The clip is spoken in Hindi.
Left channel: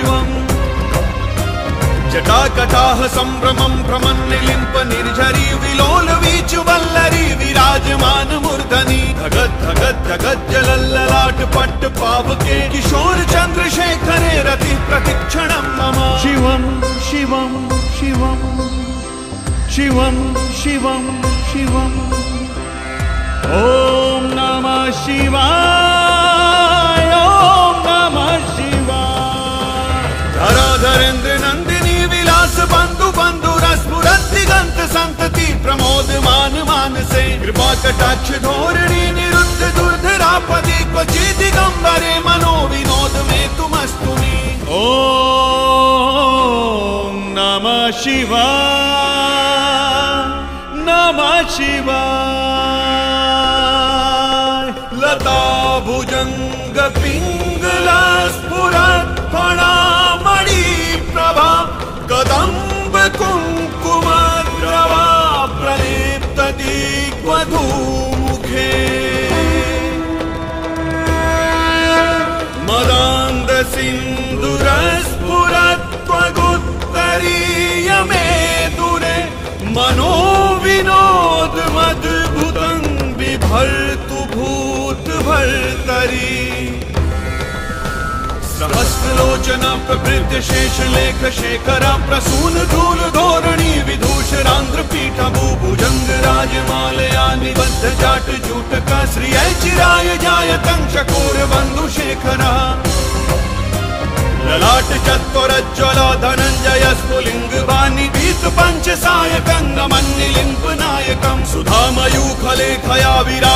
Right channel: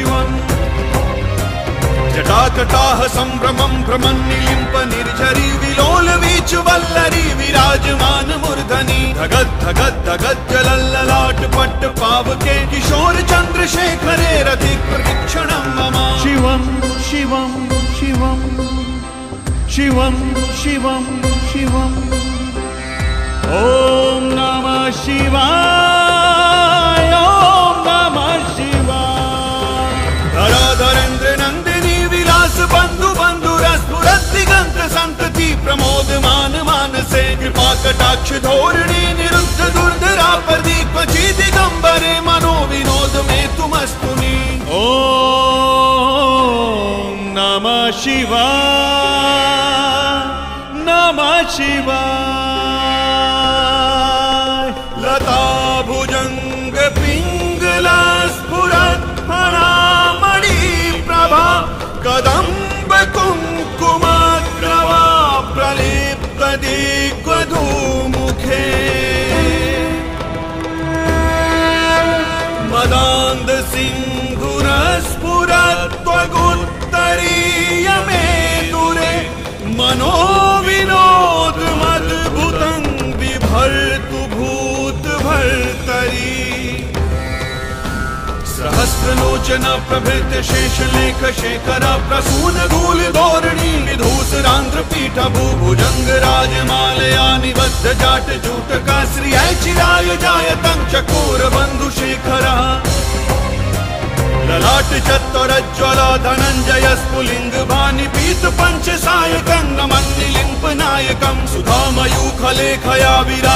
शिवम् जटाकटाह सम्भ्रमं प्रमन्निलिम्प निर्झरी विलोलवीचु वल्लरी विराजमान मूर्धनि धगत् धगत् धगत् जलल्ललाट पट्ट पावके किशोर चन्द्रशेखरे रति प्रशिक्षणं मम शिवं शिवं शिवं शिवं शिवं शिवम् ॐ नमः शिवाय ॐ नमः शिवाय धरेन्द्र नंदिनी विलास बंधु बंधु रस स्फुरत दिगंत संतति प्रमोदमान मानसे कृपा कटाक्ष धोरणी निरुद्ध दुर्धरापदि क्वचि दिगंबरे मनो विनोद में तुमस्तु मे ॐ नमः शिवाय नमः शिवाय लता भुजंग पिंगला स्फुरत फणामणि प्रभा कदम्ब कुंकुम प्रभा प्रलिप्त दिग्वधू मुखे मदान्ध सिंधुर स्फुरत त्वगुत्तरीय मेदुरे मनो विनोद मद्भुतं बिभर्तु भूत भर्तरी सहस्रलोचना प्रभृत शेष लेख शेखर प्रसून धूल धोरणी विधूषरांध्र पीठ भूभुजंग राजमालया निबद्ध जाट जूटक श्रिय चिराय जायतं चकोर बंधु शेखरा ललाट चत्वरज्ज्वल धनंजय स्फुलिंग वाणी पंच सायकं नमन्निलिम्प नायकं सुधामयूखलेखया विरा